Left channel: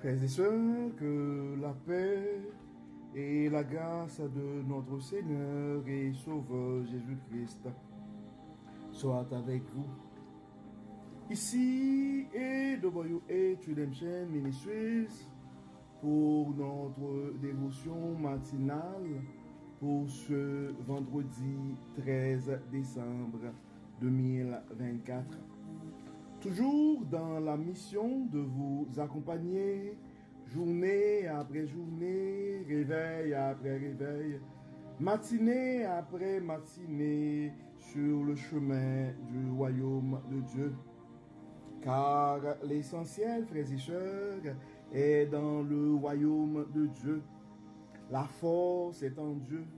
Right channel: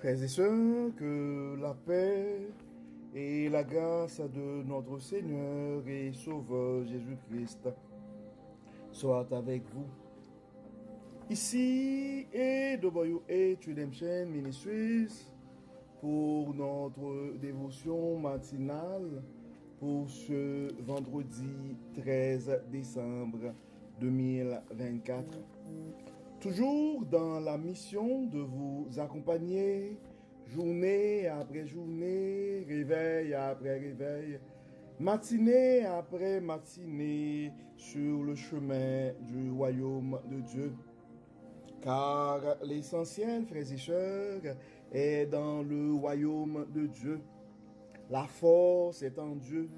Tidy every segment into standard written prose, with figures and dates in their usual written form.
Frères et sœurs, que la paix et la grâce de notre Seigneur et Sauveur Jésus-Christ soient avec vous. Ici est WH Redemption Ministries pour notre dévotion matinale pour ce vendredi 13 décembre 2024. Toujours dans la mission de vous accompagner, journée après journée, réveil après réveil, matinée après matinée, sur le chemin du royaume de Dieu. Car l'essentiel, frères et sœurs, est dans le royaume de Dieu. La force est en Dieu,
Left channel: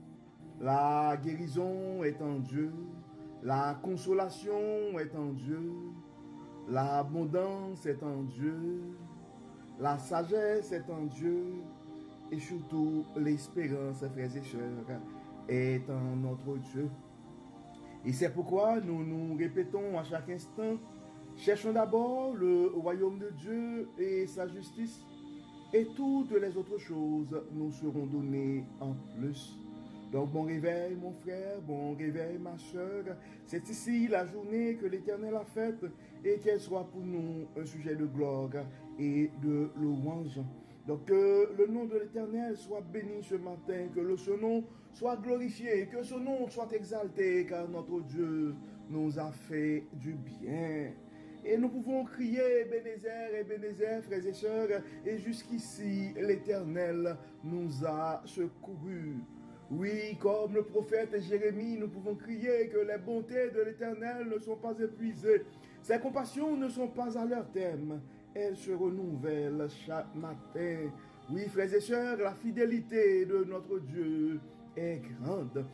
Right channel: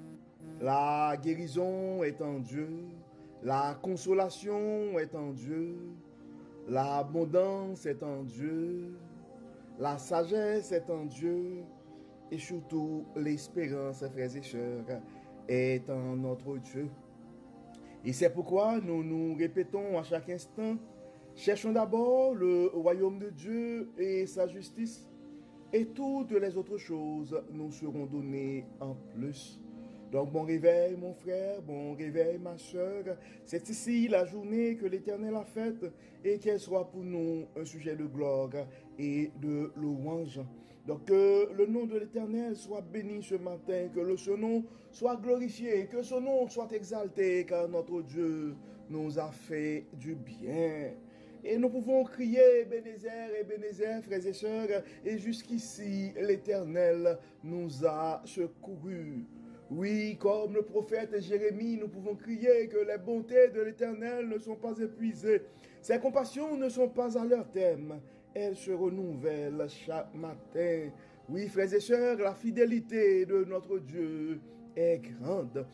la guérison est en Dieu, la consolation est en Dieu, l'abondance est en Dieu, la sagesse est en Dieu, et surtout l'espérance, frères et sœurs, est en notre Dieu. Et c'est pourquoi nous nous répétons à chaque instant, cherchons d'abord le royaume de Dieu et sa justice, et toutes les autres choses nous seront données en plus. Donc, bon réveil, mon frère, bon réveil, ma soeur. C'est ici la journée que l'Éternel a faite et qu'elle soit pour nous un sujet de gloire et de louange. Donc, que le nom de l'Éternel soit béni ce matin, que son nom soit glorifié, que son nom soit exalté, car notre Dieu nous a fait du bien. Et nous pouvons crier Ebenezer, Ebenezer, frères et sœurs, et jusqu'ici l'Éternel nous a secourus. Oui, comme le prophète Jérémie, nous pouvons crier que les bontés de l'Éternel ne sont pas épuisées. Ses compassions ne sont pas à leur terme. Elles se renouvellent chaque matin. Oui, frères et sœurs, la fidélité de notre Dieu est grande.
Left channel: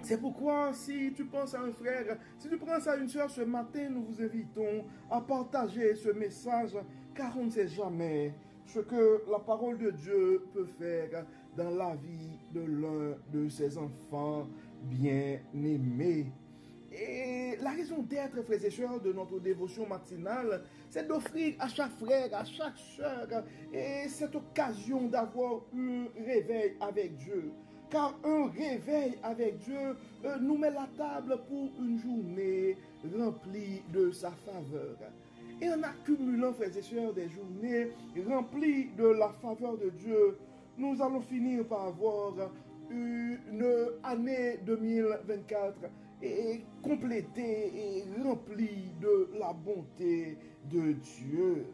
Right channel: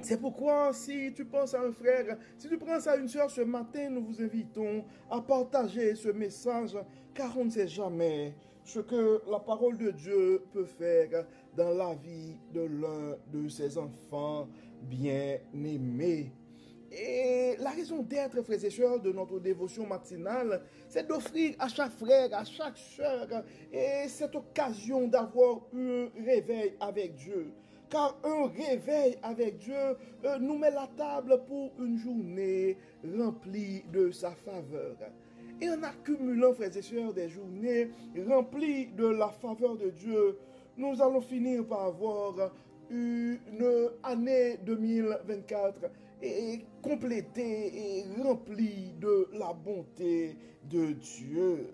C'est pourquoi, si tu penses à un frère, si tu penses à une sœur ce matin, nous vous invitons à partager ce message, car on ne sait jamais ce que la parole de Dieu peut faire dans la vie de l'un de ses enfants bien-aimés. Et la raison d'être, frères et sœurs, de notre dévotion matinale, c'est d'offrir à chaque frère, à chaque sœur, et cette occasion d'avoir un réveil avec Dieu. Car un réveil avec Dieu nous met la table pour une journée remplie de sa faveur. Et en accumulant, frères et sœurs, des journées remplies de la faveur de Dieu, nous allons finir par avoir une année 2024 et complétée et remplie de la bonté de Dieu.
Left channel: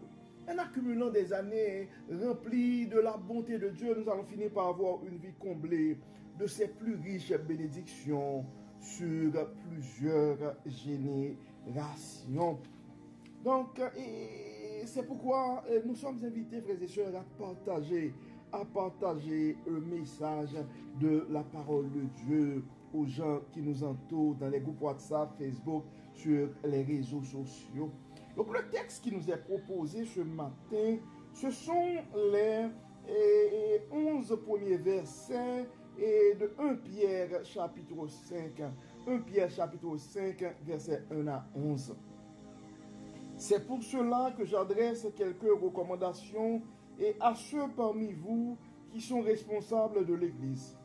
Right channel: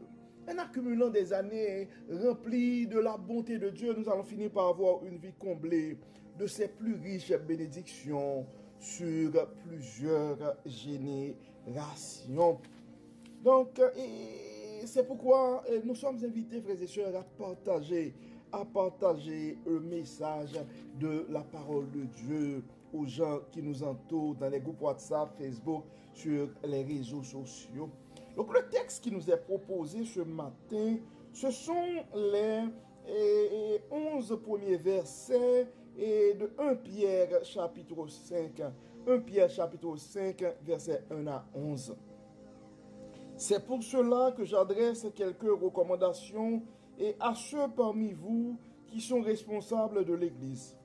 En accumulant des années remplies de la bonté de Dieu, nous allons finir par avoir une vie comblée de ses plus riches bénédictions sur plusieurs générations. Donc, c'est pourquoi nous sommes invités, frères et sœurs, à partager le message de la parole de Dieu aux gens qui nous entourent dans les groupes WhatsApp, Facebook, sur les réseaux sociaux. Donc, le texte qui nous est proposé ce matin, ce sont les 11 premiers versets et de 1 Pierre chapitre 5. 1 Pierre chapitre 5, versets 1 à 11. C'est pour cela que j'adresse quelques recommandations et à ceux parmi vous qui sont responsables de l'Église.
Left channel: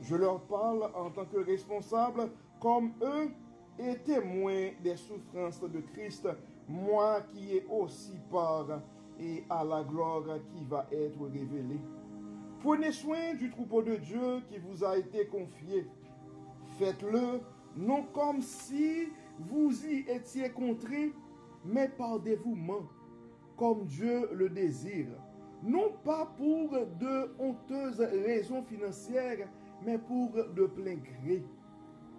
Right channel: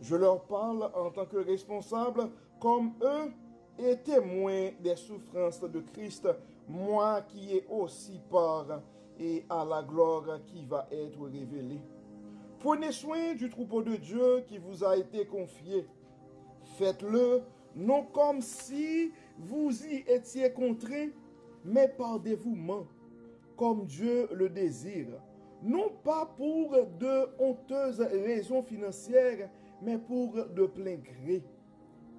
Je leur parle en tant que responsables comme eux et témoins des souffrances de Christ, moi qui ai aussi part et à la gloire qui va être révélée. Prenez soin du troupeau de Dieu qui vous a été confié. Faites-le non comme si vous y étiez contraints, mais par dévouement, comme Dieu le désire. Non pas pour de honteuses raisons financières, mais pour de plein gré.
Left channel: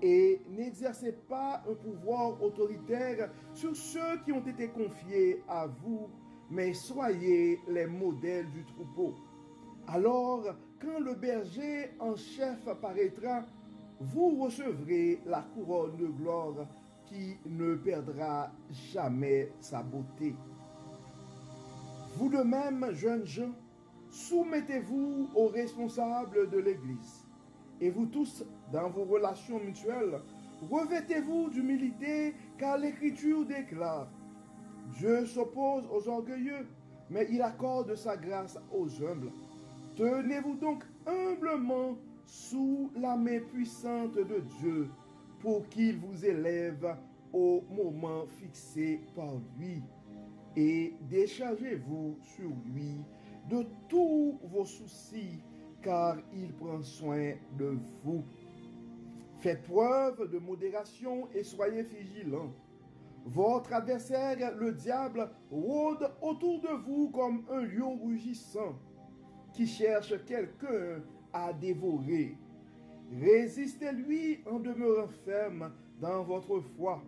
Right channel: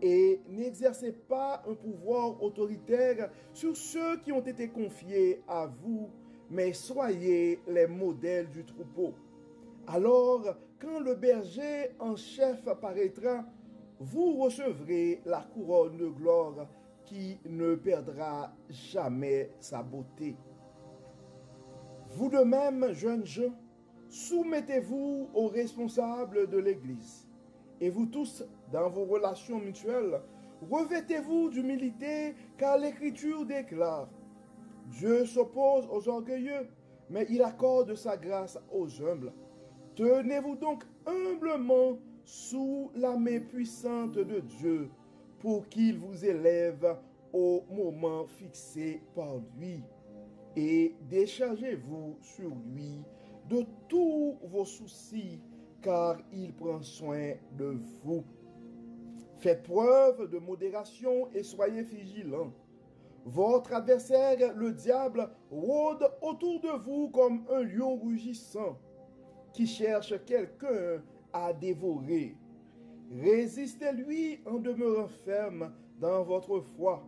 Et n'exercez pas un pouvoir autoritaire sur ceux qui ont été confiés à vous, mais soyez les modèles du troupeau. Alors, quand le berger en chef paraîtra, vous recevrez la couronne de gloire qui ne perdra jamais sa beauté. Vous de même, jeunes gens, soumettez-vous aux responsables de l'Église. Et vous tous, dans vos relations mutuelles, revêtez-vous d'humilité, car l'Écriture déclare: Dieu s'oppose aux orgueilleux, mais il accorde sa grâce aux humbles. Tenez-vous donc humblement sous la main puissante de Dieu, pour qu'il vous élève au moment fixé par lui. Et déchargez-vous sur lui de tous vos soucis, car il prend soin de vous. Faites preuve de modération et soyez vigilants. Votre adversaire, le diable, rôde autour de vous comme un lion rugissant qui cherche quelqu'un à dévorer. Résistez-lui en demeurant ferme dans votre foi,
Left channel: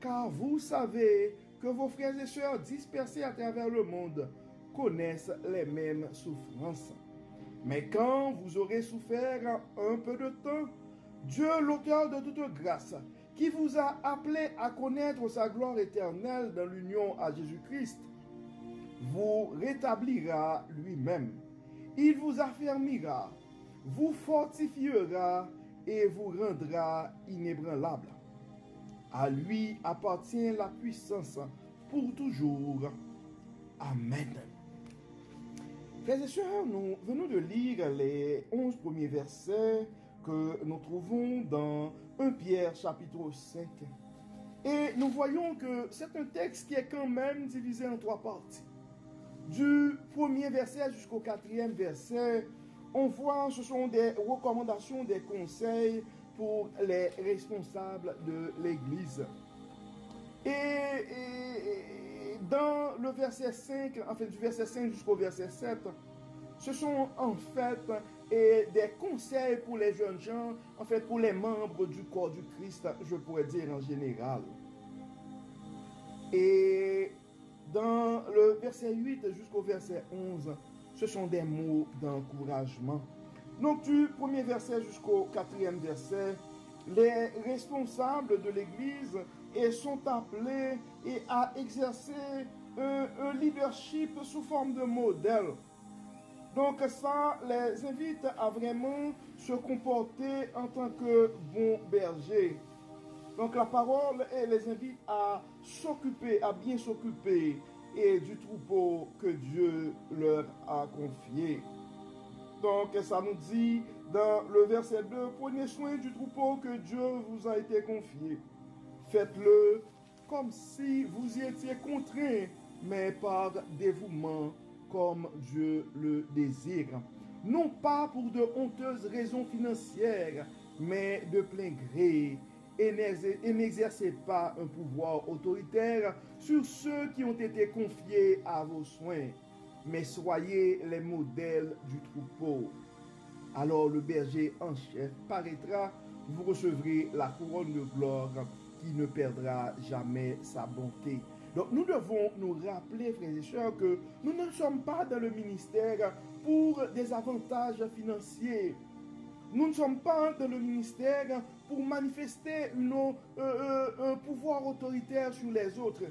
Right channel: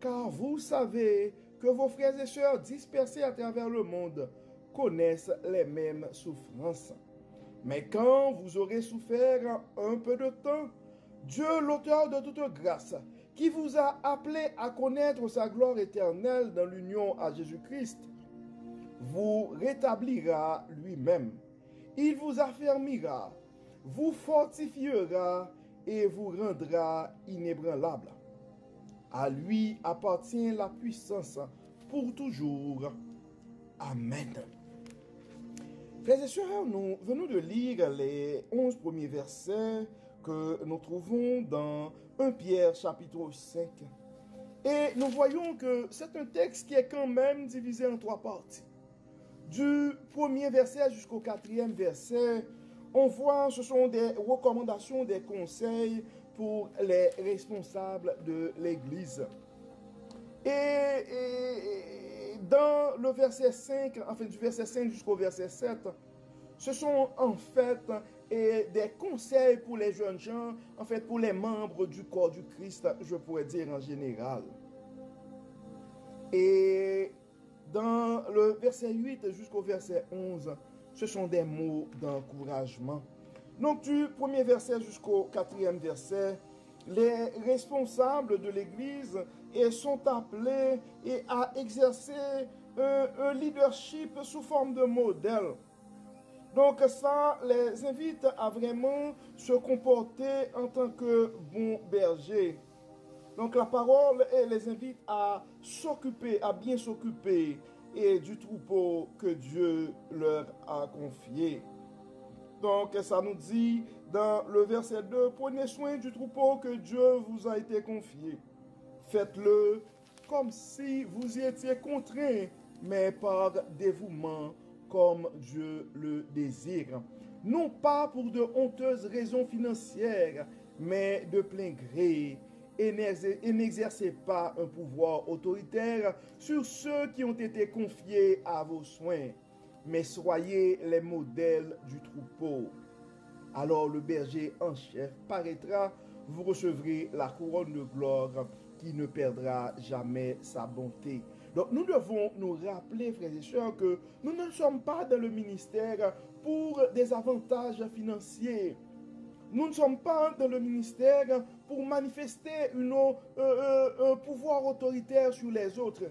car vous savez que vos frères et sœurs dispersés à travers le monde connaissent les mêmes souffrances. Mais quand vous aurez souffert un peu de temps, Dieu, l'auteur de toute grâce, qui vous a appelé à connaître sa gloire éternelle dans l'union à Jésus-Christ, vous rétablira lui-même. Il vous affermira, vous fortifiera et vous rendra inébranlable. À lui appartient la puissance pour toujours. Amen. Frères et sœurs, nous venons de lire les 11 premiers versets que nous trouvons dans 1 Pierre chapitre 5. Et nous voyons que c'est un texte qui est quand même divisé en 3 parties. Du premier verset jusqu'au 4e verset, on voit ce sont des recommandations, des conseils pour les responsables de l'Église. Et dans le verset 5, en fait du verset 5 jusqu'au verset 7, ce sont en fait des conseils pour les jeunes gens, en fait pour les membres du corps du Christ, je pourrais dire en général. Et dans le verset 8 jusqu'au verset 11, ce sont des mots d'encouragement. Donc du premier verset jusqu'au 4e verset, les responsables de l'Église sont appelés à exercer un leadership sous forme de modèle. Donc ça les invite à vraiment se comporter en tant que bons bergers. Donc la parole les invite à s'occuper, à bien s'occuper du troupeau que Dieu leur a confié. Donc ça nous dit dans le verset 2, prenez soin du troupeau que Dieu vous a été confié. Faites-le comme si vous y étiez contraint, mais par dévouement comme Dieu le désire. Non pas pour de honteuses raisons financières, mais de plein gré. Et n'exercez pas un pouvoir autoritaire sur ceux qui ont été confiés à vos soins, mais soyez les modèles du troupeau. Alors le berger en chef paraîtra, vous recevrez la couronne de gloire qui ne perdra jamais sa bonté. Donc nous devons nous rappeler, frères et sœurs, que nous ne sommes pas dans le ministère pour des avantages financiers. Nous ne sommes pas dans le ministère pour manifester un pouvoir autoritaire sur les autres.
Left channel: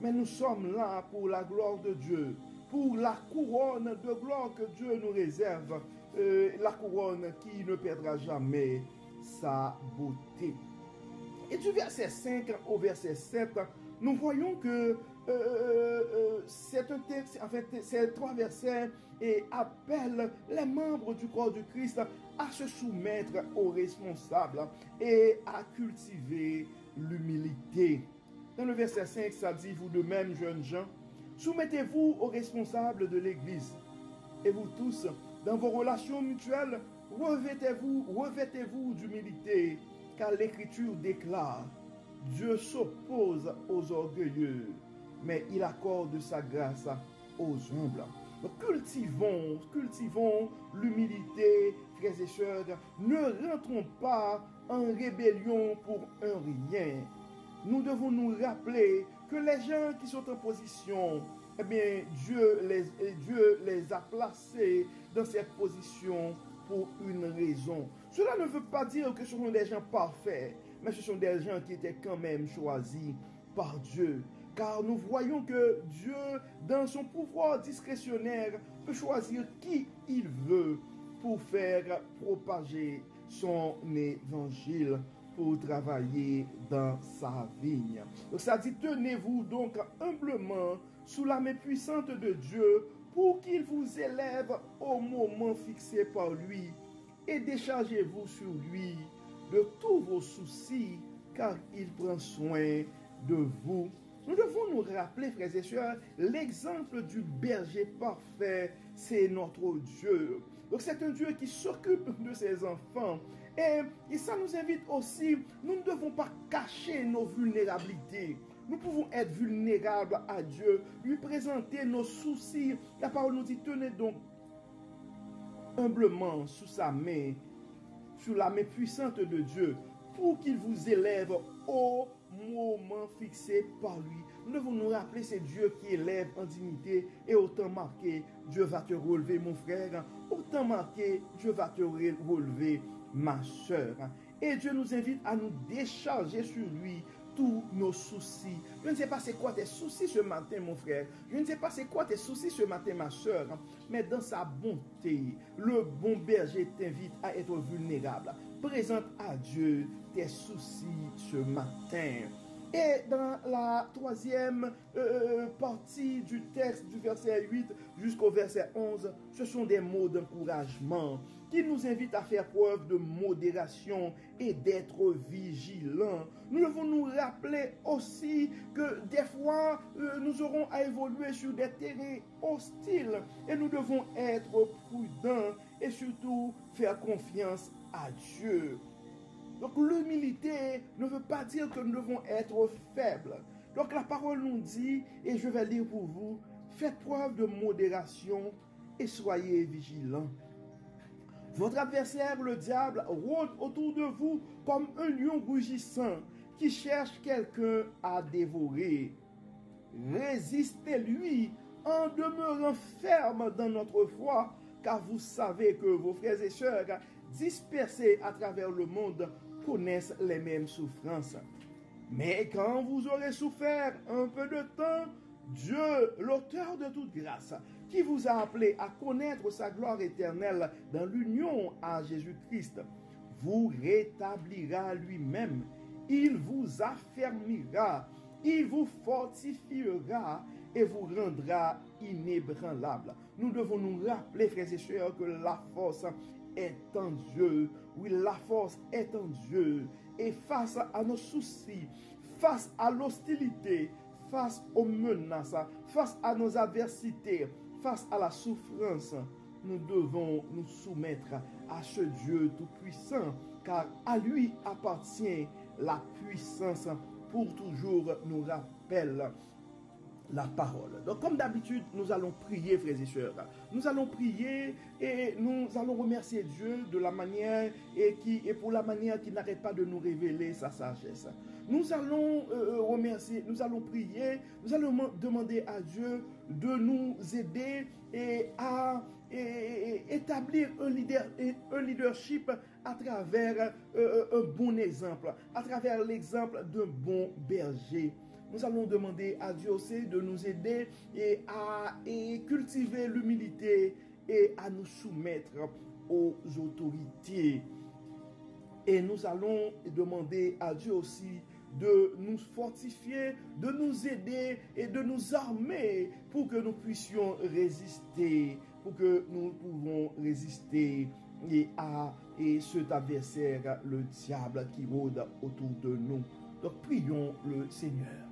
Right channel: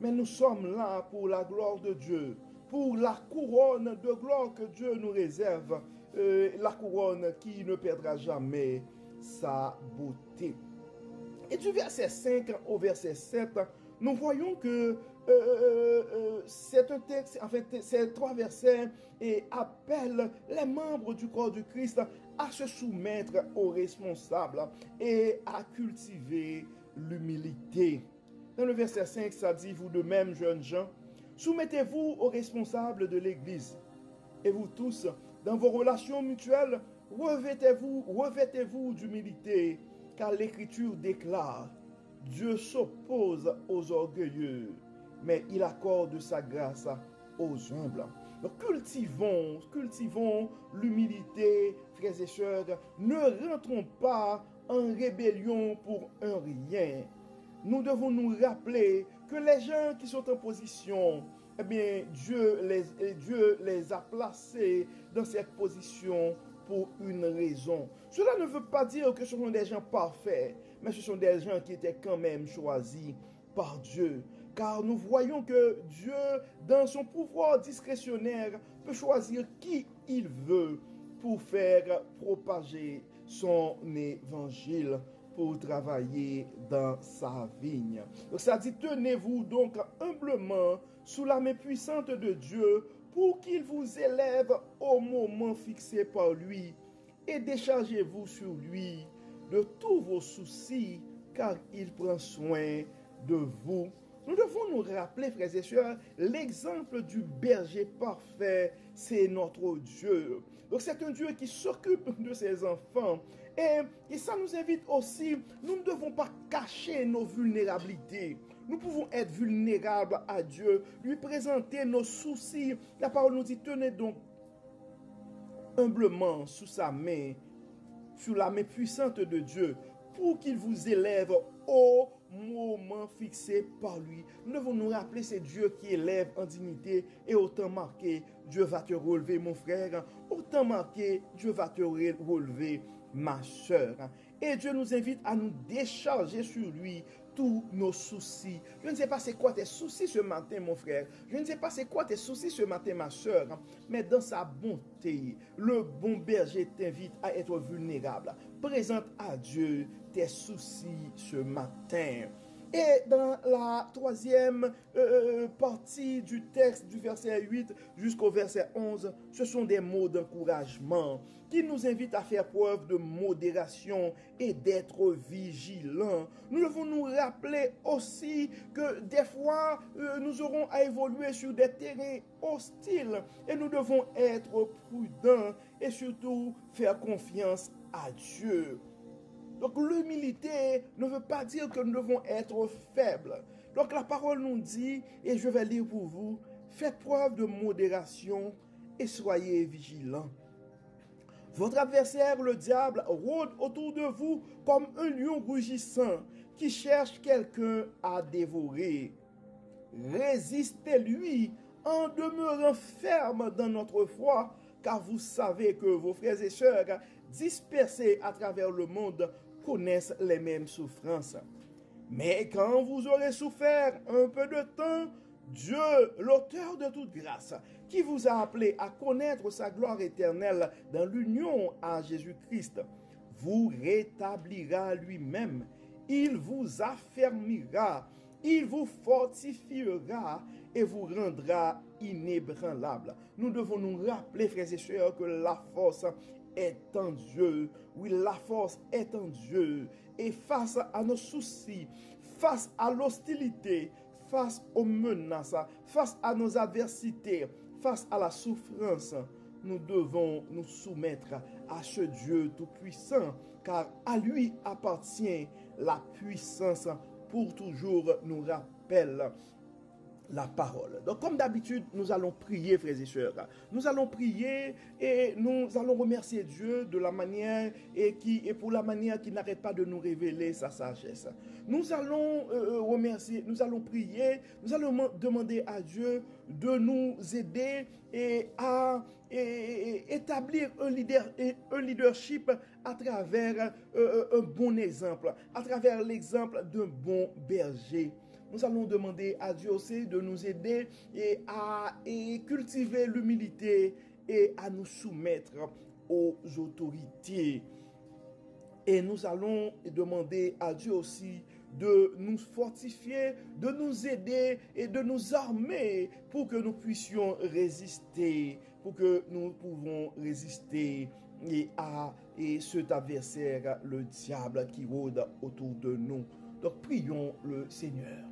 Mais nous sommes là pour la gloire de Dieu, pour la couronne de gloire que Dieu nous réserve, la couronne qui ne perdra jamais sa beauté. Et du verset 5 au verset 7, nous voyons que c'est un texte, en fait, ces 3 versets appellent les membres du corps du Christ à se soumettre aux responsables et à cultiver l'humilité. Dans le verset 5, ça dit, vous de même, jeunes gens, soumettez-vous aux responsables de l'Église. Et vous tous, dans vos relations mutuelles, revêtez-vous d'humilité, car l'Écriture déclare, Dieu s'oppose aux orgueilleux, mais il accorde sa grâce aux humbles. Donc, cultivons l'humilité, frères et sœurs. Ne rentrons pas en rébellion pour un rien. Nous devons nous rappeler que les gens qui sont en position, eh bien, Dieu les a placés dans cette position pour une raison. Cela ne veut pas dire que ce sont des gens parfaits, mais ce sont des gens qui étaient quand même choisis par Dieu. Car nous voyons que Dieu, dans son pouvoir discrétionnaire, peut choisir qui il veut pour faire propager son évangile, pour travailler dans sa vigne. Donc ça dit, tenez-vous donc humblement sous la main puissante de Dieu pour qu'il vous élève au moment fixé par lui et déchargez-vous sur lui de tous vos soucis car il prend soin de vous. Nous devons nous rappeler, frères et sœurs, l'exemple du berger parfait, c'est notre Dieu. Donc c'est un Dieu qui s'occupe de ses enfants. Et ça nous invite aussi, nous ne devons pas cacher nos vulnérabilités. Nous pouvons être vulnérables à Dieu, lui présenter nos soucis. La parole nous dit, tenez donc humblement sous sa main, sous la main puissante de Dieu, pour qu'il vous élève au moment fixé par lui. Nous devons nous rappeler, c'est Dieu qui élève en dignité et autant marqué, Dieu va te relever, mon frère. Autant marqué, Dieu va te relever, ma soeur. Et Dieu nous invite à nous décharger sur lui tous nos soucis. Je ne sais pas c'est quoi tes soucis ce matin, mon frère. Je ne sais pas c'est quoi tes soucis ce matin, ma soeur. Mais dans sa bonté, le bon berger t'invite à être vulnérable. Présente à Dieu tes soucis ce matin. Et dans la troisième partie du texte, du verset 8 jusqu'au verset 11, ce sont des mots d'encouragement qui nous invitent à faire preuve de modération et d'être vigilants. Nous devons nous rappeler aussi que des fois, nous aurons à évoluer sur des terrains hostiles et nous devons être prudents et surtout faire confiance à Dieu. Donc l'humilité ne veut pas dire que nous devons être faibles. Donc la parole nous dit, et je vais lire pour vous, faites preuve de modération et soyez vigilants. Votre adversaire, le diable, rôde autour de vous comme un lion rugissant qui cherche quelqu'un à dévorer. Résistez-lui en demeurant ferme dans notre foi, car vous savez que vos frères et sœurs dispersés à travers le monde connaissent les mêmes souffrances. Mais quand vous aurez souffert un peu de temps, Dieu, l'auteur de toute grâce, qui vous a appelé à connaître sa gloire éternelle dans l'union à Jésus-Christ, vous rétablira lui-même. Il vous affermira, il vous fortifiera et vous rendra inébranlable. Nous devons nous rappeler, frères et sœurs, que la force est en Dieu. Oui, la force est en Dieu. Et face à nos soucis, face à l'hostilité, face aux menaces, face à nos adversités, face à la souffrance, nous devons nous soumettre à ce Dieu tout-puissant, car à lui appartient la puissance pour toujours, nous rappelle la parole. Donc comme d'habitude, nous allons prier, frères et sœurs. Nous allons prier et nous allons remercier Dieu de la manière et pour la manière qui n'arrête pas de nous révéler sa sagesse. Nous allons remercier, nous allons prier, nous allons demander à Dieu de nous aider à établir un leadership à travers un bon exemple, à travers l'exemple d'un bon berger. Nous allons demander à Dieu aussi de nous aider à cultiver l'humilité et à nous soumettre aux autorités. Et nous allons demander à Dieu aussi de nous fortifier, de nous aider et de nous armer pour que nous puissions résister, pour que nous pouvons résister à cet adversaire, le diable qui rôde autour de nous. Donc prions le Seigneur.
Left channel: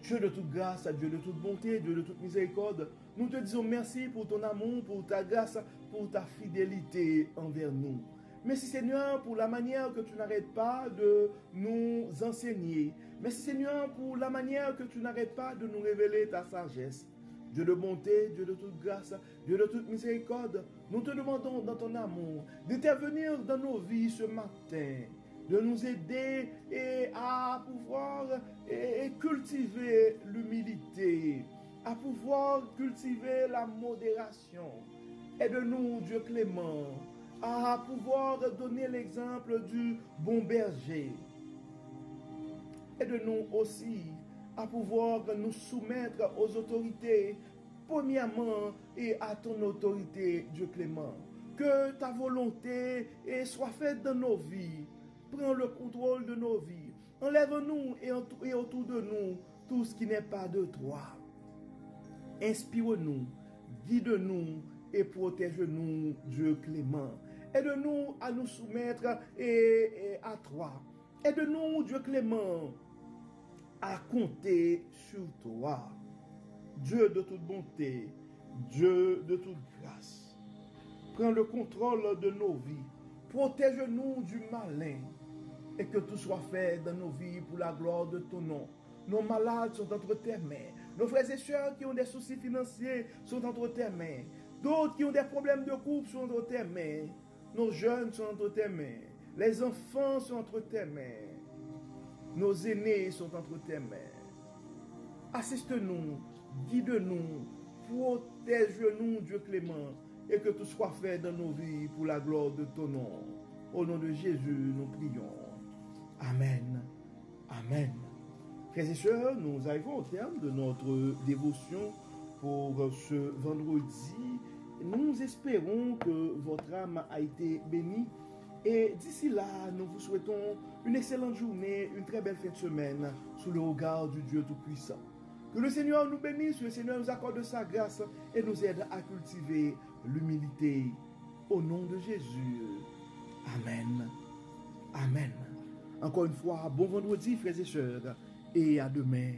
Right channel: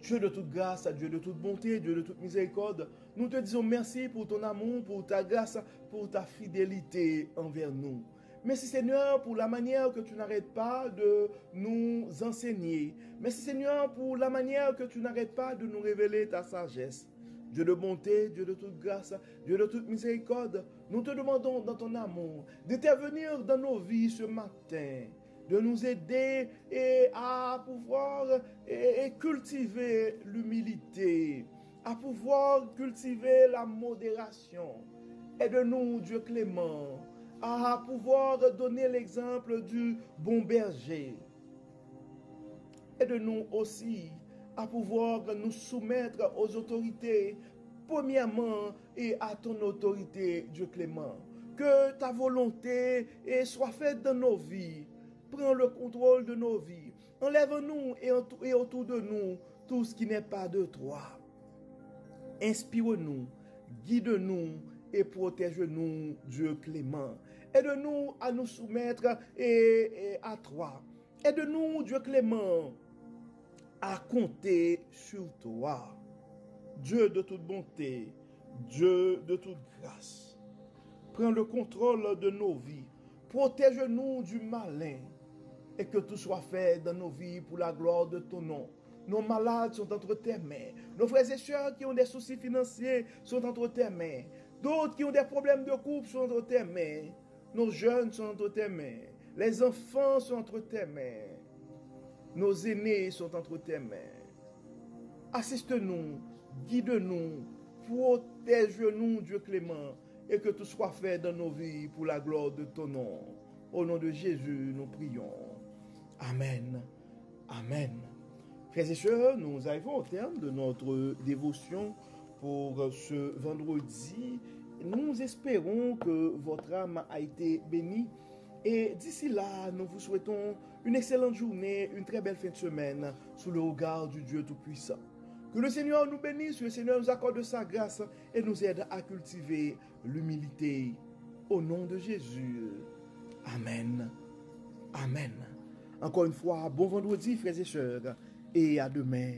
Dieu de toute grâce, Dieu de toute bonté, Dieu de toute miséricorde, nous te disons merci pour ton amour, pour ta grâce, pour ta fidélité envers nous. Merci Seigneur pour la manière que tu n'arrêtes pas de nous enseigner. Merci Seigneur pour la manière que tu n'arrêtes pas de nous révéler ta sagesse. Dieu de bonté, Dieu de toute grâce, Dieu de toute miséricorde, nous te demandons dans ton amour d'intervenir dans nos vies ce matin, de nous aider à pouvoir cultiver l'humilité, à pouvoir cultiver la modération. Aide-nous, Dieu clément, à pouvoir donner l'exemple du bon berger. Aide-nous aussi à pouvoir nous soumettre aux autorités, premièrement, et à ton autorité, Dieu clément. Que ta volonté soit faite dans nos vies. Prends le contrôle de nos vies. Enlève-nous et autour de nous tout ce qui n'est pas de toi. Inspire-nous, guide-nous et protège-nous, Dieu clément. Aide-nous à nous soumettre à toi. Aide-nous, Dieu clément, à compter sur toi. Dieu de toute bonté, Dieu de toute grâce. Prends le contrôle de nos vies. Protège-nous du malin. Et que tout soit fait dans nos vies pour la gloire de ton nom. Nos malades sont entre tes mains. Nos frères et sœurs qui ont des soucis financiers sont entre tes mains. D'autres qui ont des problèmes de couple sont entre tes mains. Nos jeunes sont entre tes mains. Les enfants sont entre tes mains. Nos aînés sont entre tes mains. Assiste-nous, guide-nous, protège-nous, Dieu clément, et que tout soit fait dans nos vies pour la gloire de ton nom. Au nom de Jésus, nous prions. Amen. Amen. Frères et sœurs, nous arrivons au terme de notre dévotion pour ce vendredi. Nous espérons que votre âme a été bénie. Et d'ici là, nous vous souhaitons une excellente journée, une très belle fin de semaine sous le regard du Dieu Tout-Puissant. Que le Seigneur nous bénisse, que le Seigneur nous accorde sa grâce et nous aide à cultiver l'humilité. Au nom de Jésus. Amen. Amen. Encore une fois, bon vendredi, frères et sœurs, et à demain.